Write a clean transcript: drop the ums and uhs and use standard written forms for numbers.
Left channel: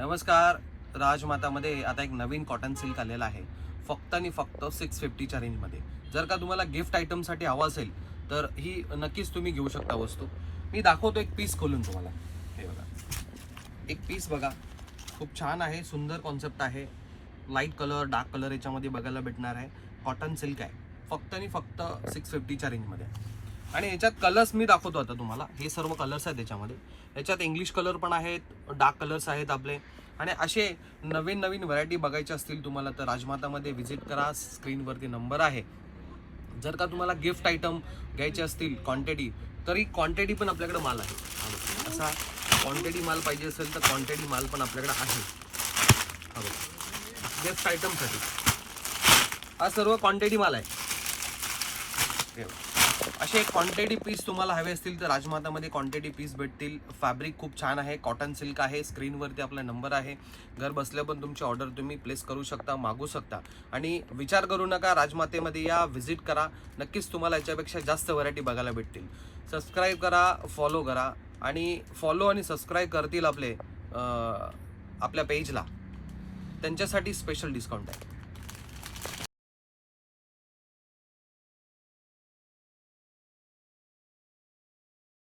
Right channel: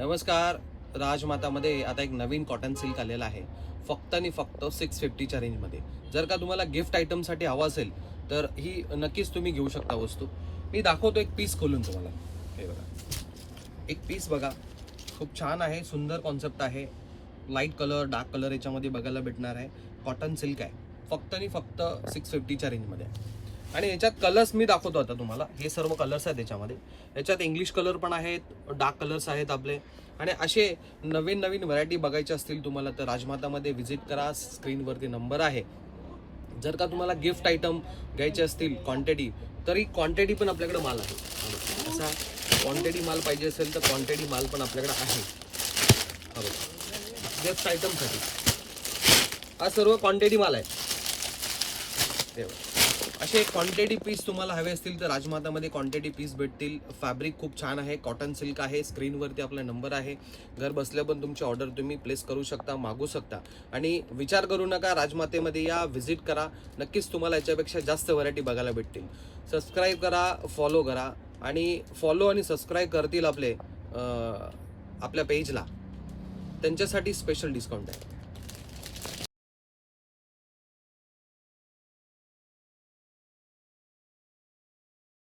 नमस्कार. राजमातामध्ये आता एक नवीन कॉटन सिल्क आलेला आहे, फक्त आणि फक्त 650च्या रेंजमध्ये. जर का तुम्हाला गिफ्ट आयटमसाठी हवा असेल तर ही नक्कीच तुम्ही घेऊ शकता वस्तू. मी दाखवतो एक पीस खोलून तुम्हाला. हे बघा, एक पीस बघा, खूप छान आहे, सुंदर कॉन्सेप्ट आहे. लाईट कलर, डार्क कलर याच्यामध्ये बघायला भेटणार आहे. कॉटन सिल्क आहे, फक्त आणि फक्त 650च्या रेंजमध्ये. आणि याच्यात कलर्स मी दाखवतो आता तुम्हाला. हे सर्व कलर्स आहेत याच्यामध्ये. याच्यात इंग्लिश कलर पण आहेत, डार्क कलर्स आहेत आपले. आणि असे नवीन नवीन व्हरायटी बघायचे असतील तुम्हाला तर राजमातामध्ये व्हिजिट करा. स्क्रीनवरती नंबर आहे. जर का तुम्हाला गिफ्ट आयटम घ्यायचे असतील क्वांटिटी, तरी क्वांटिटी पण आपल्याकडे माल आहे. असा क्वांटिटी माल पाहिजे असेल तर क्वांटिटी माल पण आपल्याकडे आहे. गिफ्ट आयटमसाठी हा सर्व क्वांटिटी माल आहे. असे क्वांटिटी पीस तुम्हाला हवे असतील तर राजमातामध्ये क्वांटिटी पीस भेटतील. फॅब्रिक खूप छान आहे, कॉटन सिल्क आहे. स्क्रीनवरती आपला नंबर आहे. घर बसल्या पण तुमची ऑर्डर तुम्ही प्लेस करू शकता, मागू शकता. आणि विचार करू नका, राजमातेमध्ये या, व्हिजिट करा. नक्कीच तुम्हाला याच्यापेक्षा जास्त व्हरायटी बघायला भेटतील. सबस्क्राईब करा, फॉलो करा. आणि फॉलो आणि सबस्क्राईब करतील आपल्या पेजला, त्यांच्यासाठी स्पेशल डिस्काउंट आहे.